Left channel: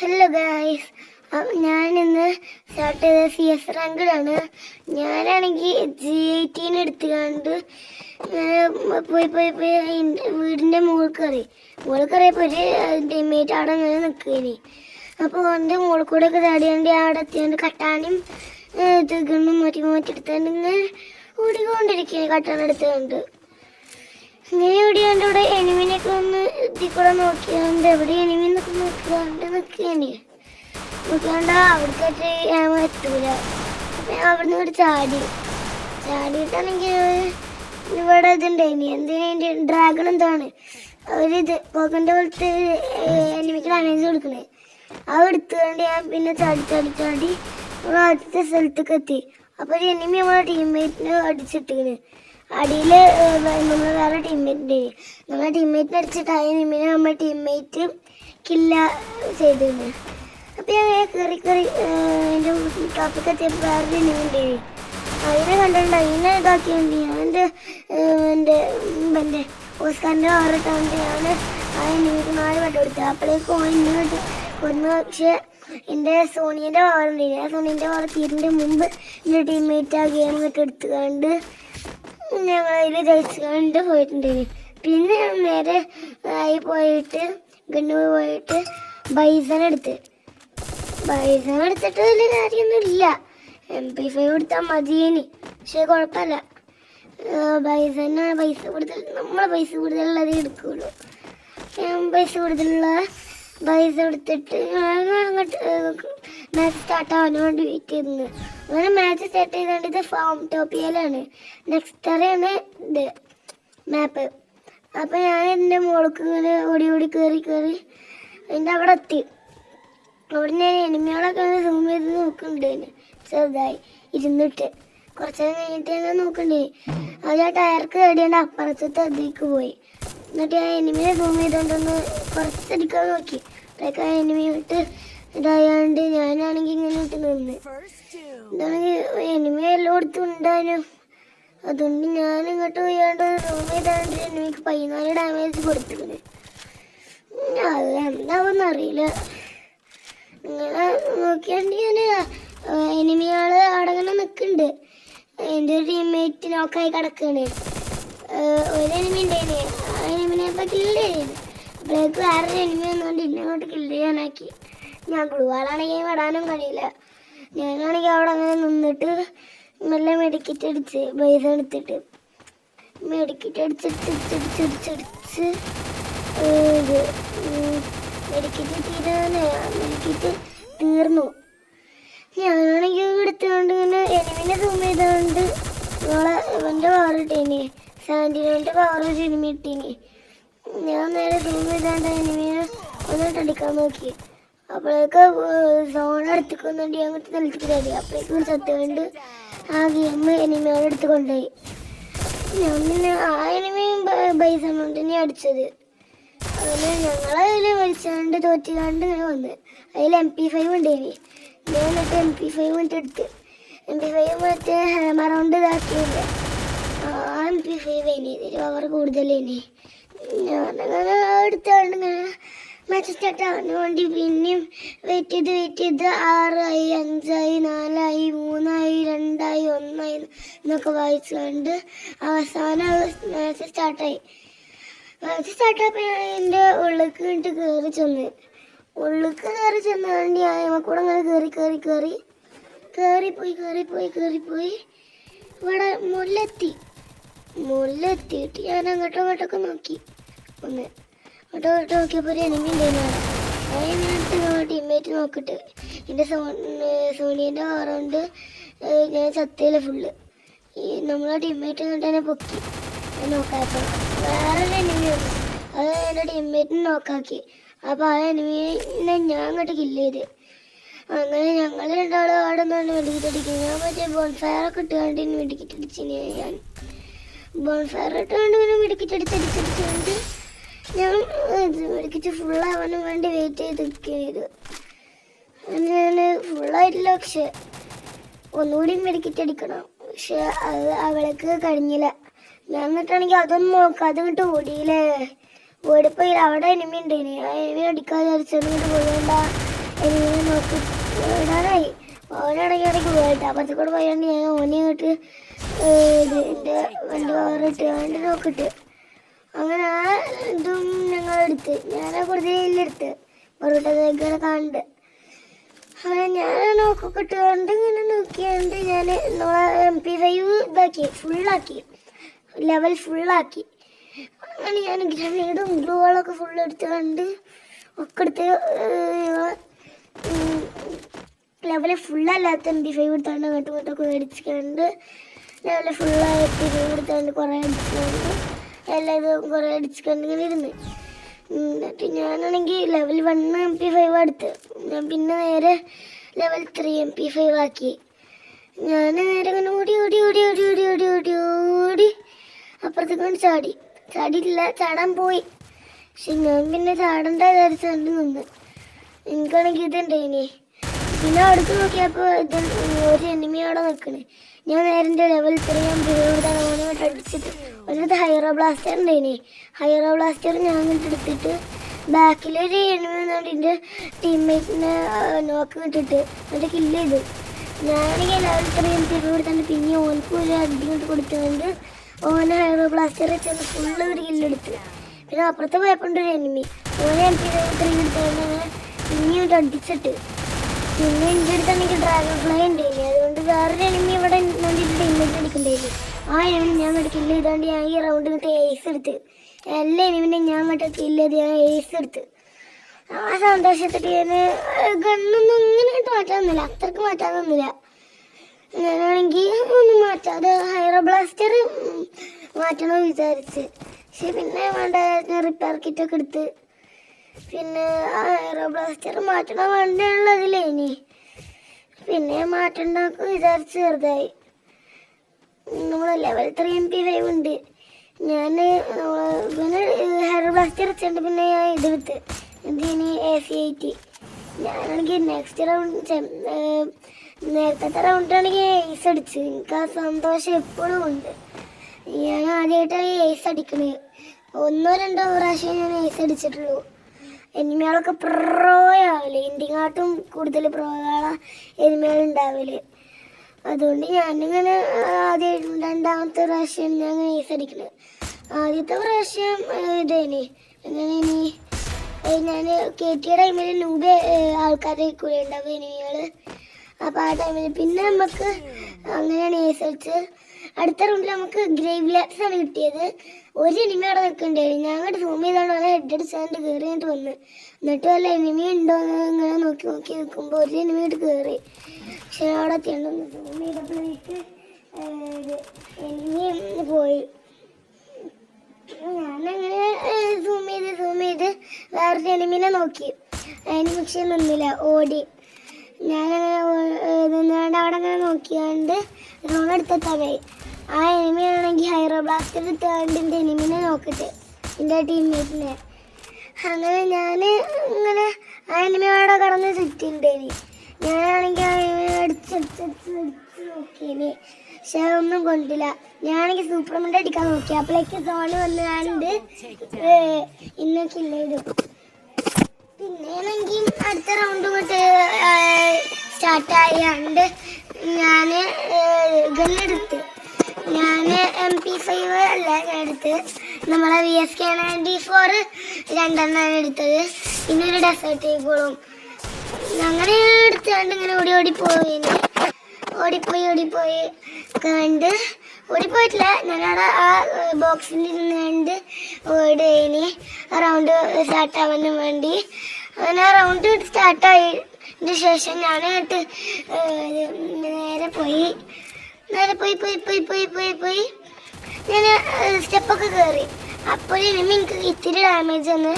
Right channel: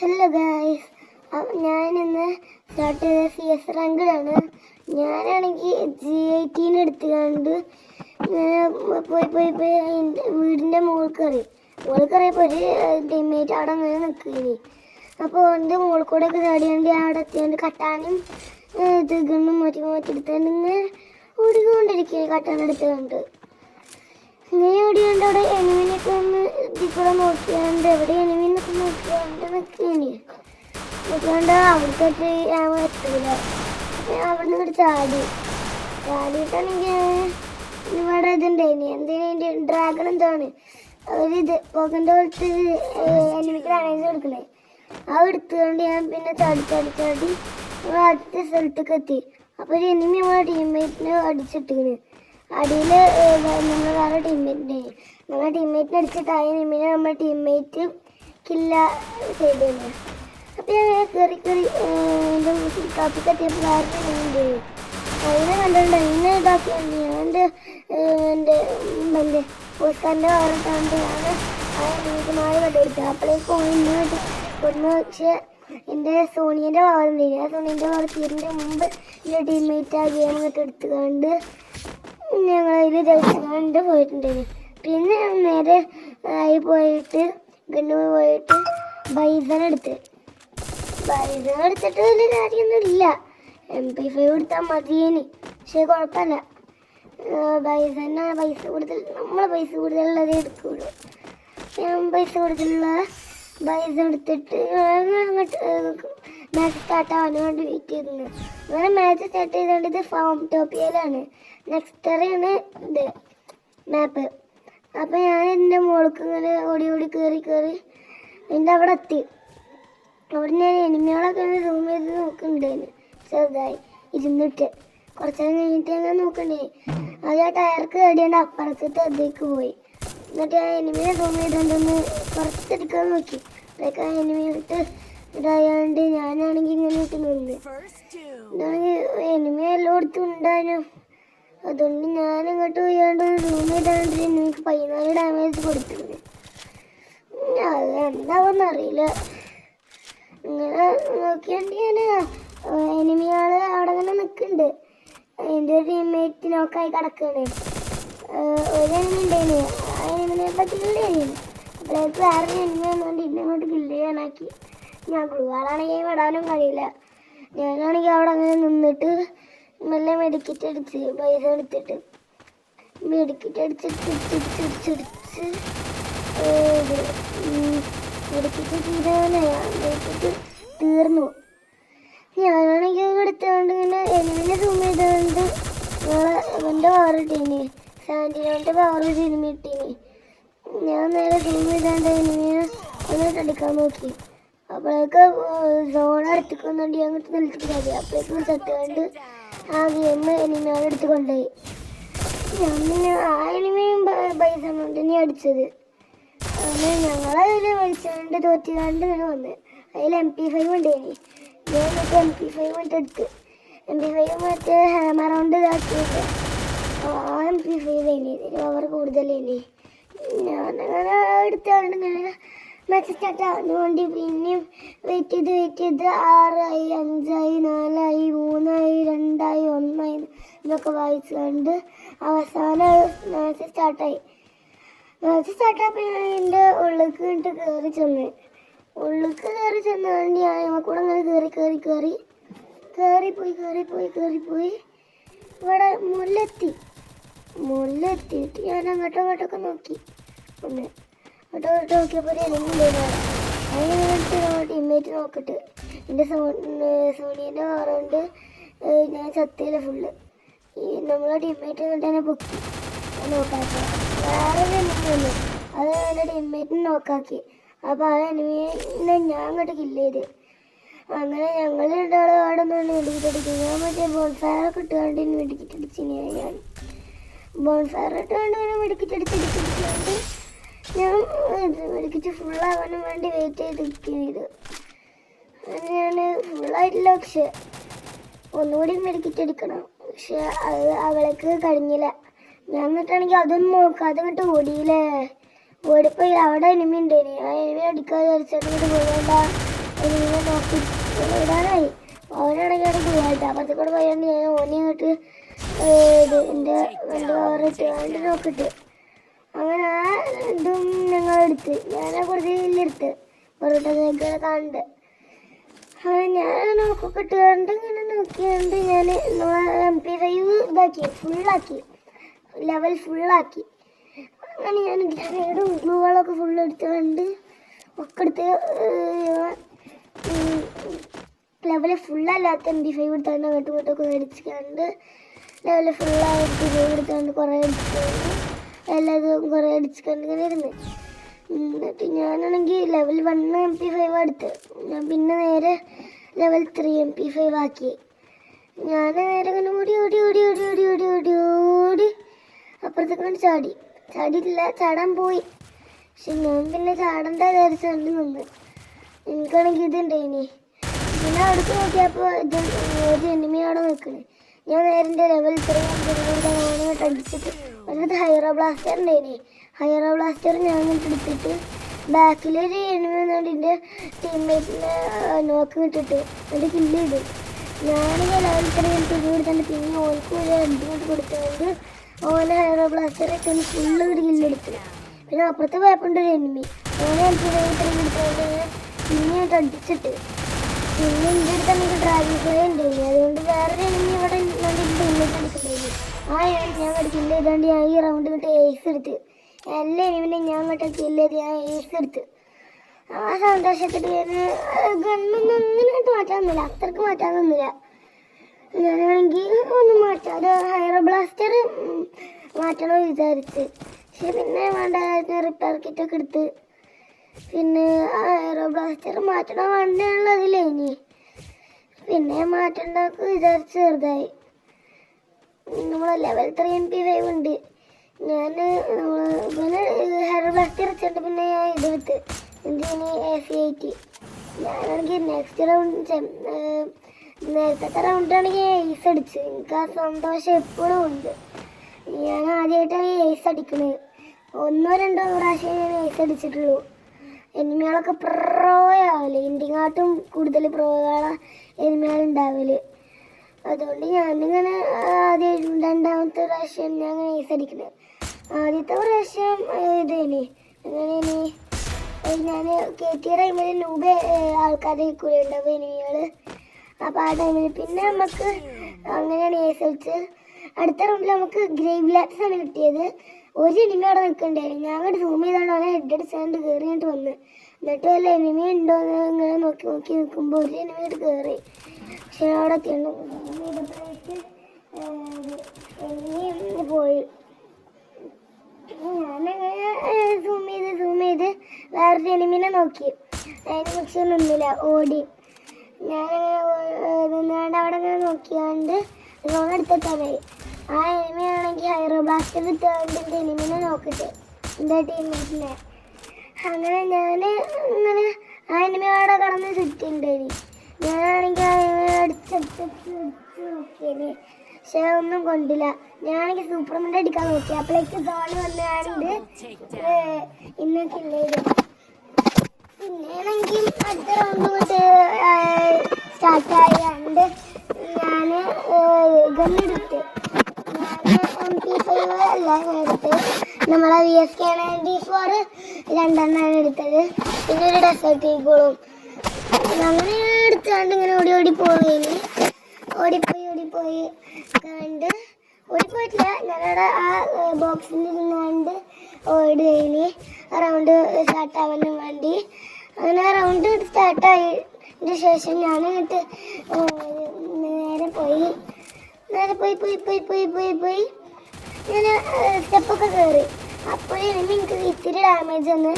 Hello guys, ഞാനിന്ന് start ചെയ്ത CS റാങ്കിലാണ്. ഞാനാണെങ്കിൽ G18 എടുത്തുകൊണ്ട് പോയി വീടിൻ്റെ മുകളിൽ കയറിയപ്പോൾ ഒരു ടീമേറ്റ് അവിടെ അങ്ങനെ നിൽക്കുകയാണ്. അപ്പോൾ എൻ്റെ മുകളിൽ കൂടെ ഒക്കെ ചാടിയാണ്ട് അവിടെ എത്തിയാണ്ട് കട്ടാനും ഗണ്ണും മാറ്റി എടുത്തുകൊണ്ട് ഇങ്ങനെ ഓടിക്കൊണ്ടിരിക്കുകയാണ്. കട്ടാൻ എടുത്തുകൊണ്ട് അങ്ങനെ ഓടിയാണ്ട് അവിടെ എനിമിനൊക്കെ ഒന്ന് ഇതിക്കൂടെ നോക്കിയാണ്ട് എവിടെ എനിമി എന്നൊക്കെ നോക്കിയാണ്ട് നിൽക്കുകയാണ്. നോക്കിയാണ്ട് അവിടത്തേക്ക് എത്തൂല. അവിടുന്ന് ഇവിടെ ചാടിയിട്ടാണെങ്കിൽ ഇവിടെ ഇതുണ്ടായിനി എന്തിനാ ഡ്രാഗൺ എന്താണ് അവരിത് പോക്കൻ്റെ പോലത്തെ എനിമിക്ക് ഡാമേജ് കൊടുക്കണേ. അത് എടുത്തുകൊണ്ട് ഞാൻ പിന്നെ ചാടി നമ്മൾ ആദ്യത്തെ സ്ഥലത്തേക്ക് എത്തി. അപ്പോൾ ഒരു എനിമി നമ്മളെ ടീംമേറ്റിനെ അടിച്ചിട്ടിങ്ങനെ അടിയിൽ നമ്മൾ വേറെ ടീംമേറ്റിൻ്റെ നമ്മളെ ടീംമേറ്റിനെ അടിച്ചിട്ട് ആ എനിമിനെ നമ്മുടെ ടീംമേറ്റ് കില്ല ചെയ്തിരുന്നു. അപ്പോൾ ഞാൻ കയറി എൻ്റെ ടോപ്പിക്ക് എത്തിയപ്പോൾ വേറെ എനിമിൻ്റെ അങ്ങനെ കണ്ടുകൊണ്ട് എന്നെ ഇതാക്കിയാണ് എൻ്റെ ഓസ്കാറിൻ്റെ ഓരോട്ടാണ് ആ എനിമിക്ക് 4 കട്ട് കൊടുത്തത്. അപ്പോഴേക്കും ഒന്ന് പക്ഷേ എൻ്റെ സോണിയുടെ പവറുണ്ടായിരുന്നു. ആ സോണീൻ്റെ പവർ തീരുന്നതിന് മുമ്പ് എൻ്റെ ടീംമേറ്റ് ആ ഗെയിം ഒക്കെ എടുത്തുകൊണ്ട് ഞങ്ങളതിൽ ജയിച്ചുകൊണ്ട് പോയിട്ടുണ്ടായിരുന്നു. പിന്നെ ഞാൻ നേരെ ആയി പോയിട്ട് പോയിട്ട് ബൈസൺ എടുത്തിട്ട് വലിയ കാര്യമൊന്നുമില്ല. MP5 എടുത്താൽ മതിയേനി, പക്ഷേ കുഴപ്പമില്ല. നമ്മളെ പൈസ കൂടുതലുള്ളതേ എടുക്കുകയുള്ളൂ. ഞാൻ പൈസ കൂടുതലുള്ള പൈസ എടുത്തിട്ട് അങ്ങോട്ട് മാച്ച് സ്റ്റാർട്ട് ആവാൻ വേണ്ടി വെയിറ്റ് ചെയ്തത്. അങ്ങനെ മാച്ച് സ്റ്റാർട്ട് ചെയ്തുകൊണ്ട് ഇത് ഫൗംടോപ്പിയയിലാണ്. നെക്സ്റ്ററാണ് ഇത് മാപ്പ്. അപ്പോൾ ഞാൻ എൻ്റെ മുകൾക്ക് ഇങ്ങനെ ഓടി കയറി അതിൻ്റെ അവിടെ എത്തി. അവിടെ ഞാൻ എനിമികളൊക്കെ സൂം ചെയ്ത് നോക്കുന്നുണ്ടായിരുന്നു. ചെറുതായി ഇരുന്നിട്ട് കുറച്ച് നേരം കഴിഞ്ഞിട്ട് ഞാൻ നോക്കണ്ടേ അത് ആ ടയർക്ക് കടിയാണ്ട് അപ്പുറത്തെ അതിലേക്ക് പോയി. എന്നിട്ട് ആ എനിമിയെ സൂം ചെയ്തുകൊണ്ടൊന്ന് കുറച്ചടിക്കാൻ നോക്കി. അതൊക്കെ ആ എനിമിയിട്ട് ഇതായാണ്ട് ഞാനാണെങ്കിൽ ഇങ്ങനെ ഇട്ട് നിന്ന് എനിമി എല്ലായിടത്തും ഉണ്ടായിരുന്നു. അതുകൊണ്ട് ഞാനിങ്ങോട്ട് പോയാണ്ട് സൂം ചെയ്താണ്ട് എനിമിക്ക് 14 ഡാമേജ് കൊടുത്തിട്ടുണ്ട്. അത് എന്താവുമെന്ന് അറിയില്ല. ഇങ്ങനെ നോക്കിയാണ്ട് ഞാൻ എനിമികൾ അവിടെ ഇങ്ങനെ നിൽക്കുന്നുണ്ട്. എൻ്റെ ഒരു ടീംമേറ്റ് നോക്കായി കിടക്കുകയാണ്. ഒരു എനിമി ഉണ്ടായിന്, ആ എനിമിനെ ഇപ്പോൾ കില്ല് ചെയ്യുന്നു. അപ്പോഴേക്ക് വേറൊരു എനിമി വന്നുകൊണ്ട് ഇന്നങ്ങോട്ട് കില്ല് ചെയ്യാനാക്കി. ഞാൻ കുടുവാളാണെങ്കിൽ വിടാനും കഴിയില്ല. ഞാനാണെങ്കിൽ അവിടെ അങ്ങനെ നിന്നിട്ട് നല്ല മെഡിക്കറ്റ് അടിച്ച് പൈസ എടുത്തിട്ട് മെഡിക്കറ്റ് അടിച്ചിട്ട് മെഡിക്കറ്റ് തീർന്നു. ഞാനാണെങ്കിൽ എടുത്തുകൊണ്ട് ഇങ്ങനെ എനിമിനെ സൂം ചെയ്തുകൊണ്ട് ഇവൻ്റെ പവർ ഇട്ടീനി 79 പവർ ഒരു എനിമി ഇട്ടീനി. ഞാൻ നേരെ സൂം ചെയ്താണ്ട് എനിമിനെ ഒന്നിട്ടടിക്കാൻ നോക്കി. അപ്പോഴേക്ക് സോൺ എടുത്തുകൊണ്ടുണ്ട് അങ്ങോട്ട് നിലച്ചിട്ട് കഴിയും. അപ്പോഴേക്കും ചത്തുകൊണ്ട് ആ ഗെയിം എനിമികളെ എടുത്ത് കൊണ്ടുപോയി. ആ എനിമിയും ബൈസണുണ്ട് ഇനി അടിച്ചത്. അങ്ങനെ ഞങ്ങളതിൽ വലിച്ചുകൊണ്ട് തോറ്റുകൊണ്ട് ഇങ്ങനെ വന്ന് അതിൽ MP5 ഉണ്ടായിനി. ഞാൻ മറ്റേ MP5 എടുത്ത് MP5 മറ്റേ ഹാമറൗണ്ട് ഇതാക്കിയിട്ട് ആ MP5 ഇതിൽ പവർ കൂടുതലേനി. ഞാനങ്ങനെ എടുത്തോണ്ട് ഇങ്ങനെ മാച്ച് സ്റ്റാർട്ട് ആവാൻ വേണ്ടി പിന്നെയും വെയിറ്റ് ചെയ്ത് 6 ആയി 5 ആയി 4 ആയി 3 ആയി 2 ആയി 1 ആയി എന്നൊക്കെ വായിച്ചുകൊണ്ട് അവസാനം മാച്ച് സ്റ്റാർട്ടായി. മാച്ച് സ്റ്റാർട്ടായപ്പോൾ ഞാൻ എൻ്റെ ഉള്ളിലേക്ക് കയറി ചെന്നുകൊണ്ട് ഞാൻ കൂടെ അങ്ങനെ കയറിപ്പോയി ഇവിടെ മുല്ലെത്തിയിട്ട് ഞാൻ അങ്ങോട്ടൊക്കെ നോക്കി. അങ്ങോട്ട് നോക്കിയപ്പോൾ എനിക്ക് ടീംമേറ്റ് നോക്കിട്ട് എൻ്റെ സോണിയുടെ കാറുകൊണ്ട് ഞാൻ ചത്തയില ഫുള്ള്. നമ്മളെ ടീംമേറ്റ് എന്നിട്ട് എന്നെ പൊക്കി നോക്കാക്കി. വേറെ എനിമി വന്നു, അത് എൻ്റെ ടീംമേറ്റിനെ നോക്കാക്കി. അപ്പോൾ ആ എനിമിയെ ഞാൻ അങ്ങോട്ട് കില്ല് ചെയ്ത്. അങ്ങനെ ഞങ്ങൾ രണ്ടാളും അവിടെ നിന്നാണ് വെടിക്കിട്ടടിക്കുന്നത്. ഞാൻ മറ്റേ ബോൺഫയറൊക്കെ ഇട്ടുകൊണ്ട് വെടിക്കിട്ടടിച്ചിന്. ഞാൻ ബോൺഫയർ ഇട്ടുകൊണ്ട് ഇങ്ങനെ വെടിക്കിട്ടടിച്ചടിച്ചടിച്ചുകൊണ്ട് ഞാൻ മെഡിക്കറ്റ് ഫുള്ളാവാനും വേണ്ടി വെയിറ്റ് ചെയ്തിരിക്കുന്നത്. ഞാൻ ഫുള്ളായിട്ടില്ല, പക്ഷെ ഒന്നുകൂടി മെഡിക്കറ്റ് അടിക്കണം. പക്ഷെ അത് അവൾക്ക് കഴിഞ്ഞില്ല. ഞാൻ എന്നിട്ടാണെങ്കിൽ അതൊന്നും നോക്കാതെ അങ്ങോട്ട് ഓടിയില്ലേ. ഓടിപ്പോയി അവിടെ എനിമി ഉണ്ടായിന്. ആ എനിമി അടിക്കാതെ വിചാരിച്ചോണ്ട് പോയില്ല. ഇടാനായി ഓനാണെങ്കിൽ പോയിട്ട് അപ്പുറത്തെ കൂടെ പോയാണ്ട് ഞാൻ ഓലി ഇട്ട് എൻ്റെ വണ്ടി കവറിട്ട് വണ്ടി നോക്കിട്ട് അങ്ങനെ ആ ഇതും ഞങ്ങളെടുത്ത് ഞാനാ കൂടുതലെടുത്ത് പൊറോട്ട കഴിക്കാൻ കണ്ട് അങ്ങനെ ഞാൻ നോക്കൊക്കെ ഇട്ടുകൊണ്ട് ഇങ്ങനെ നോക്കിയാണ്ട് ഞാൻ MP5 ഇതാക്കി ഫുള്ളാക്കി ലെവൽ ഫുള്ളാക്കി അങ്ങനെ ഞാൻ ഗ്രനേഡും ഗ്ലൂകളൊക്കെ ഫുള്ള് എടുത്ത് കണ്ട് ഒക്കെ എടുത്ത് ലെവല് ഫുള്ളല്ലാത്ത MP5 എടുത്താണ്ട് അങ്ങോട്ടും ഇങ്ങോട്ടൊക്കെ മേടിച്ചിട്ടുണ്ട് ലെവല് ഫുള്ളായിട്ട് എടുത്തുകൊണ്ട് കുറേ അടിച്ചിട്ടുണ്ട് എല്ലാതും കുറേ അടിച്ചിട്ടുണ്ട് ഇങ്ങനെ ഇരുന്ന് എന്നിട്ട് ഞാനാണെങ്കിൽ ലെവൽ 1 MP5 എടുത്ത് ഞാൻ പിന്നെ നേരെ ലെവൽ 3 MP5 ആക്കി ഞാൻ നേരെ ഇങ്ങനെ ഓടി ഓടി ഓടി ഓടി ഓടി ഓടി ഓടി ഓടി അപ്പുറത്തേക്ക് ചാടിയിട്ടില്ല ചാടാൻ പോയി പക്ഷെ ഞാൻ പിന്നെ ചാടണ്ട വിചാരിച്ചുകൊണ്ട് നിന്ന് എനിക്കാണെങ്കിൽ ഇതുണ്ട് ഇനി പിന്നെ അവിടേക്ക് നോക്കിയപ്പോൾ ഇത് ഒരു എനിമി അവിടെ നിൽക്കണേ ഞാൻ നേരെ എൻ്റെ ലെവൽ 3 അടിച്ചിട്ട് ഒരു ഹൈറോ ബ്ലാസ്റ്റർ ഉണ്ട് ഇനി ഹൈറോ ബ്ലാസ്റ്റർ ഞാൻ എടുത്തിട്ട് ബാക്കിലൊരു എനിമി വന്നുകൊണ്ട് എൻ്റെ ടീംമേറ്റ്സിനെ നോക്ക് വിട്ടിട്ട് എൻ്റെ കില്ല് ചെയ്തു ഞാനിങ്ങനെ ലെവൽ 3 കൊടുത്തിട്ട് പിന്നെ ഓൾക്ക് ഒരു അടിച്ചിട്ട് കൊടുത്തുകൊണ്ട് ഓനെ ഹൈറോ ബ്ലാസ്റ്റർ വെച്ചാൽ ഫുള്ള് ഒരു കില്ലെടുത്ത് പിന്നെ അപ്പുറത്ത് പോയപ്പോണ്ടൊരു എനിമി ഓനെ പിന്നെ ഒരു അടിച്ചിട്ട് പിന്നെ എൻ്റെ അടുത്താണെങ്കിൽ ഡ്രാഗൺ ഫ്ലൈ ഉണ്ടായില്ലേ അതുകൊണ്ട് വേറൊരു എനിമി ഇവിടെ ടീമേറ്റ് എടുക്കണ്ടായിരുന്നു ആ എനിമി ഞാൻ അങ്ങോട്ട് കില്ല് ചെയ്താണ്ട് ഞാൻ ഈ റൗണ്ട് കിട്ടി ഏസ് എടുത്ത് എല്ലാ എനിമിനെ ഞാൻ അങ്ങോട്ട് കില്ല് ചെയ്ത് ഞാൻ ഏസ് എടുത്ത് ആ സന്തോഷത്തിട്ട് ഞാൻ ഗണ്ണൊന്നും ഒന്നിനായിട്ട് മാറ്റാനൊന്നുമില്ല അത്രക്ക് മാറ്റാനൊന്നുമില്ല ഞാനാണെങ്കിൽ ഒന്നും മാറ്റാതെ ഹൈറോ ബ്ലാസ്റ്റർ മാറ്റണമെന്ന് വിചാരിച്ച് പക്ഷെ പിന്നെ വേണ്ട റിപ്പയർ കിറ്റൊക്കെ എടുത്ത് പിന്നെ ആ ഹൈറോ ബ്ലാസ്റ്റർ മാറ്റണം വേണ്ടയുള്ളതില്ലേ ഇനി പിന്നെ മാറ്റണ്ടാക്കും വിചാരിച്ച് ചെറുതായി നമ്മളെ ലെവൽ 3 MP5 ഉണ്ട് ഞാൻ പിന്നെ ഹൈറോ ബ്ലാസ്റ്റർ വെച്ചിട്ടുണ്ട് പിന്നെ ഞാൻ ഇതെടുത്ത് എന്തിനി AC-80 ഞാനാണെങ്കിൽ നെക്സ്റ്റ് റൗണ്ട് നേരത്തെ റൗണ്ടാണെങ്കിൽ ഏസ് അടിച്ച് എനിക്ക് ആ സന്തോഷം എപ്പോഴും ഉണ്ട് ഞാൻ ആദ്യമായിട്ടാണ് ഏസ് അടിക്കണത് 1-2 പ്രാവശ്യം ഞാൻ ഏസ് അടിച്ചിട്ടുള്ളൂ എനിമികളൊക്കെ പ്രോയാവല് ഇന്ത്യക്കാട്ടും കൂടുതൽ പ്രോകളാണ് എനിമികളുണ്ടാവല് അതുകൊണ്ട് ഞാനിങ്ങനെ ആദ്യം 2ാമത്തെ പ്രാവശ്യം ഞാൻ ഏസ് അടിക്കണത് ആദ്യത്തെ പ്രാവശ്യം ഇതേനെ എങ്ങനെയാണ് ഞാൻ കയറ്റിയ ടൈമിൽ ലൂബ് ആൾക്കാരെ കൂടെ ഉണ്ടാവും എനിമികൾ അപ്പോൾ ആ ടൈമിൽ പിന്നെ നമുക്ക് അങ്ങനെയാണ് ഏസ് അടിച്ച് അടുത്ത റൗണ്ടിൽ നമുക്ക് ഗ്രേവ് ലാപ്സ് ആണ് കിട്ടിയത് ഒരു എനിമി അവിടെ നിൽക്കണ്ടായിരുന്നു ഞാൻ അങ്ങോട്ട് സൂം ചെയ്താണ് അവനെ ഹെഡ് അടിച്ചാണ്ട് കയറിയിട്ട് വന്ന് എന്നിട്ട് വല്ല എനിമി ഉണ്ടോ എന്ന് ഇങ്ങനെ നോക്കി നോക്കി നിൽക്കുമ്പോൾ ഒരു എനിമി ആയിട്ട് കയറി പക്ഷെ അവിടെ എത്തിയപ്പോഴേക്ക് എനിമി പോയി ഞാനങ്ങനെ സൂം ചെയ്ത് വേറൊരു എനിമിനെ നോക്കി അതിന് പക്ഷെ നിന്നില്ല ഓടി ഞാനങ്ങനെ നിന്നുകൊണ്ട് അവിടെ അങ്ങനെ നോക്കിയാണ്ട് ലോൺ എടുത്തെത്താനായി ആ എനിമി ആണെങ്കിൽ ഹൈറോ ബ്ലാസ്റ്റർ എടുത്താണ്ട് എൻ്റെ എനിമിനെ നോക്കട്ടെ എൻ്റെ ടീംമേറ്റിനെ അങ്ങനെ ഞാൻ ഇങ്ങനെ ആ എനിമി അവിടെ കടന്ന് ചുറ്റിണ്ടേനി ഞാനാണെങ്കിൽ ആ എനിമി അടിച്ച് നോക്കിയേനി പക്ഷെ ഒന്നും കൊണ്ടില്ല ഞാനാണെങ്കിൽ സൂപ്പർമെൻ്റ് അടിക്കാൻ നോക്കി അപ്പോഴേക്ക് സോണ് വന്ന് ഞാനുണ്ട് ഇന്ന് കില്ല് പിന്നെയാണെങ്കിൽ അടുത്ത റൗണ്ട് കൊണ്ട് സ്റ്റാർട്ട് ആയാണ്ട് ഞാൻ ഗണ്ണെടുത്ത് ഞാൻ MP5 അല്ല ഞാൻ എടുത്ത് നമ്മളെ VSK-94 2 എടുത്തത് പിന്നെ ഒരു ഡെസേർട്ട് ഈഗിളും അങ്ങനെ എടുത്താണ്ട് ഇങ്ങനെ ഓടിപ്പോയി കണ്ട് ഓടിപ്പോയിട്ടില്ല ഞാനവിടെ ആ ബോക്സിൽ ഇരുന്നാണ്ട് ഓടുകയിന് റൗണ്ട് സ്റ്റാർട്ടാവാൻ വേണ്ടി അങ്ങനെ ആ റൗണ്ട് സ്റ്റാർട്ടായതിന് ശേഷം ഞാൻ നേരെ പോയി ഞാൻ സ്റ്റെപ്പൊക്കെ കയറി അപ്പോഴേനും എനിക്ക് ഇത്തിരി ഡാമേജ് വന്ന്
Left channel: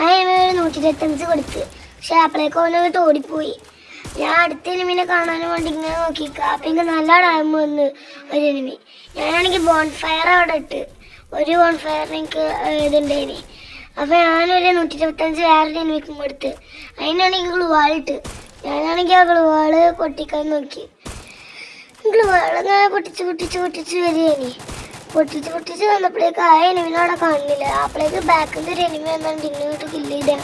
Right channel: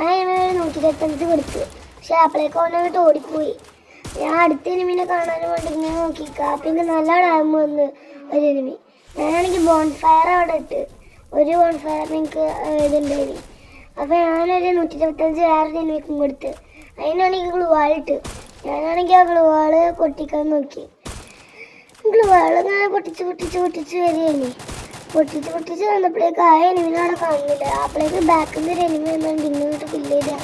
ആ എനിമി 125 കൊടുത്ത് പക്ഷെ അപ്പോഴേക്കും അവനങ്ങോട്ട് ഓടിപ്പോയി ഞാൻ അടുത്ത എനിമിനെ കാണാൻ വേണ്ടി ഇങ്ങനെ നോക്കിക്കുക അപ്പോഴേക്ക് നല്ല ഡാമ് വന്ന് ഒരു എനിമി ഞാനാണെങ്കിൽ ബോൺഫയർ അവിടെ ഇട്ട് ഒരു ബോൺഫയറിന് എനിക്ക് ഇതുണ്ടായിന് അപ്പോൾ ഞാനൊരു 125 വേറൊരു എനിമിക്കും കൊടുത്ത് അതിനാണെങ്കിൽ ഗ്ലൂവാളിട്ട് ഞാനാണെങ്കിൽ ആ ഗ്ലൂവാള് പൊട്ടിക്കാൻ നോക്കി ഗ്ലൂവാളിങ്ങനെ പൊട്ടിച്ച് വരികയാണ് പൊട്ടിച്ച് വന്നപ്പോഴേക്ക് ആ എനിമിനോടെ കാണുന്നില്ല അപ്പോഴേക്ക് ബാക്കിൽ നിന്ന് ഒരു എനിമി വന്നുകൊണ്ട് ഇങ്ങോട്ട് കില്ല് ചെയ്ത്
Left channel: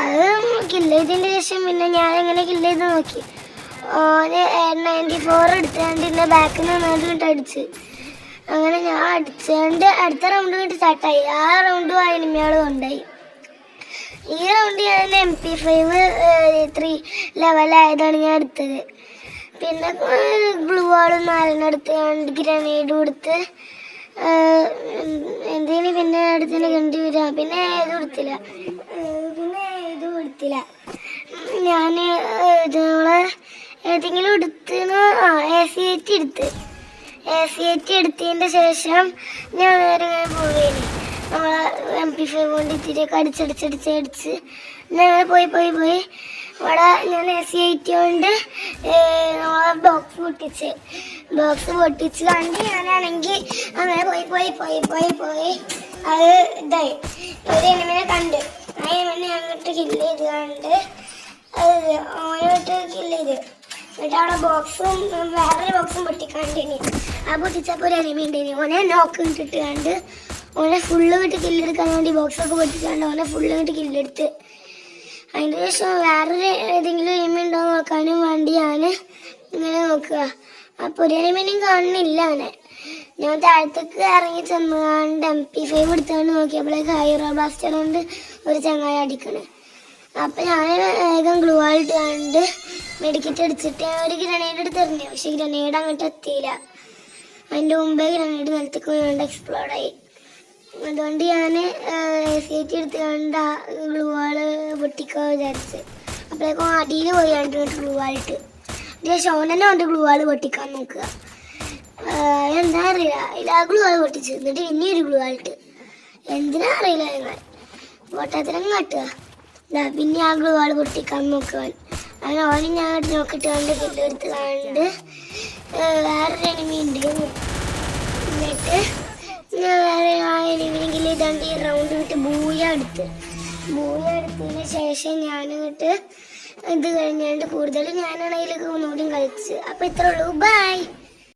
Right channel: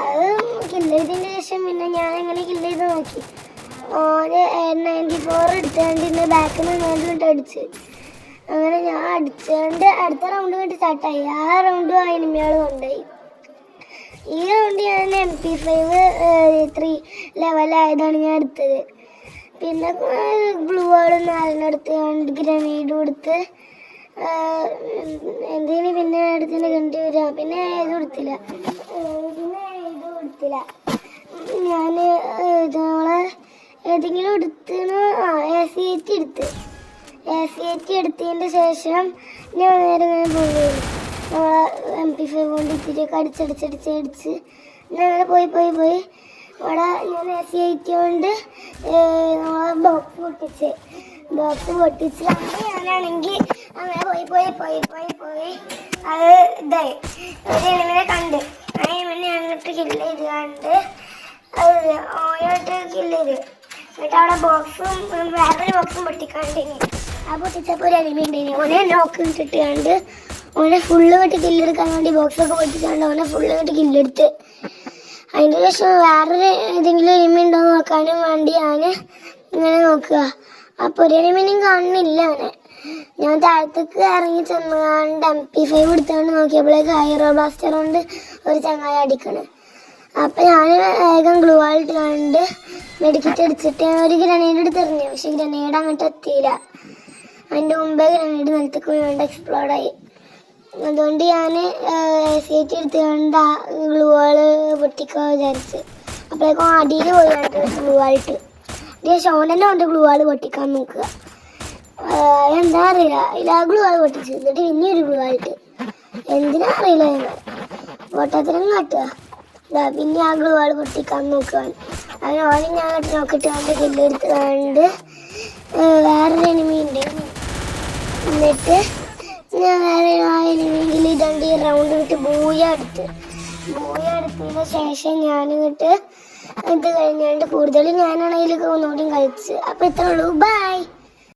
അത് കില്ല് ചെയ്തതിന് ശേഷം പിന്നെ ഞാൻ എങ്ങനെ കില്ല് ചെയ്ത് നോക്കി. ഓന് 94 എടുത്തുകൊണ്ട് എൻ്റെ ബാക്കിൽ നിന്ന് വന്നിട്ട് അടിച്ച്. അങ്ങനെ ഞാൻ അടിച്ചുകൊണ്ട് അടുത്ത റൗണ്ട് വേണ്ടി സ്റ്റാർട്ടായി. ആ റൗണ്ടും ആ എനിമികൾ കൊണ്ടായി. ഈ റൗണ്ട് ഞാൻ MP5 3 ലെവലായതാണ് ഞാൻ എടുത്തത്. പിന്നെ ഗ്ലൂ വാൾ 4 എടുത്ത് ഗ്രനേഡ് കൊടുത്ത് എന്തെങ്കിലും പിന്നെ അടുത്തന്നെ കണ്ടുവരിക. പിന്നെ ഏതും കൊടുത്തില്ല. ഞാൻ നമ്മളെ ഏതെങ്കിലും എടുത്തിന് AC8 എടുത്തതിൻ്റെ ശേഷം ഞാൻ നേരെ ഇങ്ങനെ പോയി നമ്മളെ MP5 കൊണ്ട് ഇത്തിരിയൊക്കെ അടിച്ച് ഞാൻ അങ്ങനെ പോയി ഇവിടെ ഞാൻ AC8 കൊണ്ട് നമ്മളെ ബോക്സ് പൊട്ടിച്ച് കണ്ട് ഞാനാണെങ്കിൽ അങ്ങനെ പോയി അത് ഇതായി ഒരു എനിമിനെ കണ്ട് അങ്ങനെ അങ്ങോട്ട് കില്ല് ചെയ്ത് കണ്ട് ഓരോട്ട് കില്ല് ചെയ്ത് എന്നിട്ട് അവിടെ ബോക്സും വേറൊരു ബോക്സും പൊട്ടിക്കാണ്ടിനി. ആ പൊട്ടിച്ചപ്പോൾ ഒരു എനിമി ഉണ്ടിനി. ഓനെ നോക്ക് ഇട്ടിട്ട് കണ്ട് ഓനെ ഫുള്ള് വിട്ട് കില്ലെടുക്കാൻ വേണ്ടി ബോക്സൊക്കെ പൊട്ടിക്കാണ്ട് ഓനെ ഫുള്ള് വിട്ട് കില്ലെടുത്ത്. അതിൻ്റെ ശേഷം വേറൊരു ഏതെങ്കിലും എനിമി ഉണ്ടോ നോക്കാനും വേണ്ടി ഞാൻ ഇങ്ങനെ നോക്കുക. അപ്പോൾ ഒരു എനിമിനും കാണുന്നില്ല. ഞാൻ താഴത്തേക്ക് ഇറങ്ങി ചെന്നുകൊണ്ട് MP5 എടുത്തുകൊണ്ട് നോക്കിയപ്പോഴേക്ക് ഹൈറോ ബ്ലാസ്റ്റർ കൊണ്ട് ഒരു ചങ്ങായി അടിക്കണേ. അപ്പം ഞാൻ വേഗം ഗ്ലൂ വാൾ ഇട്ട് കണ്ട് മെഡിക്കറ്റ് അടിച്ചിട്ട് ഒരു ഗ്രനേഡ് എടുത്തെറിഞ്ഞു. പക്ഷെ ഗ്രനേഡ് അങ്ങോട്ട് എത്തിയില്ല. അതിൻ്റെ മുമ്പേ ഗ്രനേഡ് നിലത്തേക്ക് വേണ്ട എക്സ്പ്ലോഡായി. അതുകൊണ്ട് ഞാൻ AC8 എടുത്തുകൊണ്ട് ഗ്ലൂ വാൾ പൊട്ടിക്കാൻ വിചാരിച്ചു. അപ്പോഴേക്കും അടിയിൽ പോയി ഗ്ലൂ വാളിട്ട് ഷോണന്നെ കൊണ്ട് ഗ്ലൂ വാൾ പൊട്ടിക്കാൻ നോക്കുക. എന്താ അറിയില്ല ഗ്ലൂ വാൾ പൊട്ടിച്ചിരുന്നിട്ട് പിന്നെ ഒരു ഗ്ലൂ വാളിട്ട് എന്തിനാ അറിയില്ല. ഞങ്ങൾ പൊട്ടത്തിനും കാട്ടുക. പിന്നെ ആ ഗ്ലൂ വാൾ പൊട്ടിക്കാൻ നോക്കാൻ അങ്ങനെ ഓനും ഞാൻ നോക്കിയിട്ട് കണ്ട് കില്ലെടുത്ത് കണ്ട് വേറൊരു എനിമി ഉണ്ട്. എന്നിട്ട് ഞാൻ വേറെ ആ എനിമിയിൽ ഇതുകൊണ്ട് ഈ റൗണ്ട് വിട്ട് ബൂയ എടുത്തതിന് ശേഷം ഞാനിട്ട് ഇത് കഴിഞ്ഞുകൊണ്ട് കൂടുതൽ ഞാനാണെങ്കിൽ ഒന്നുകൂടി കളിച്ച്. അപ്പോൾ ഇത്രേ ഉള്ളൂ. ബൈ.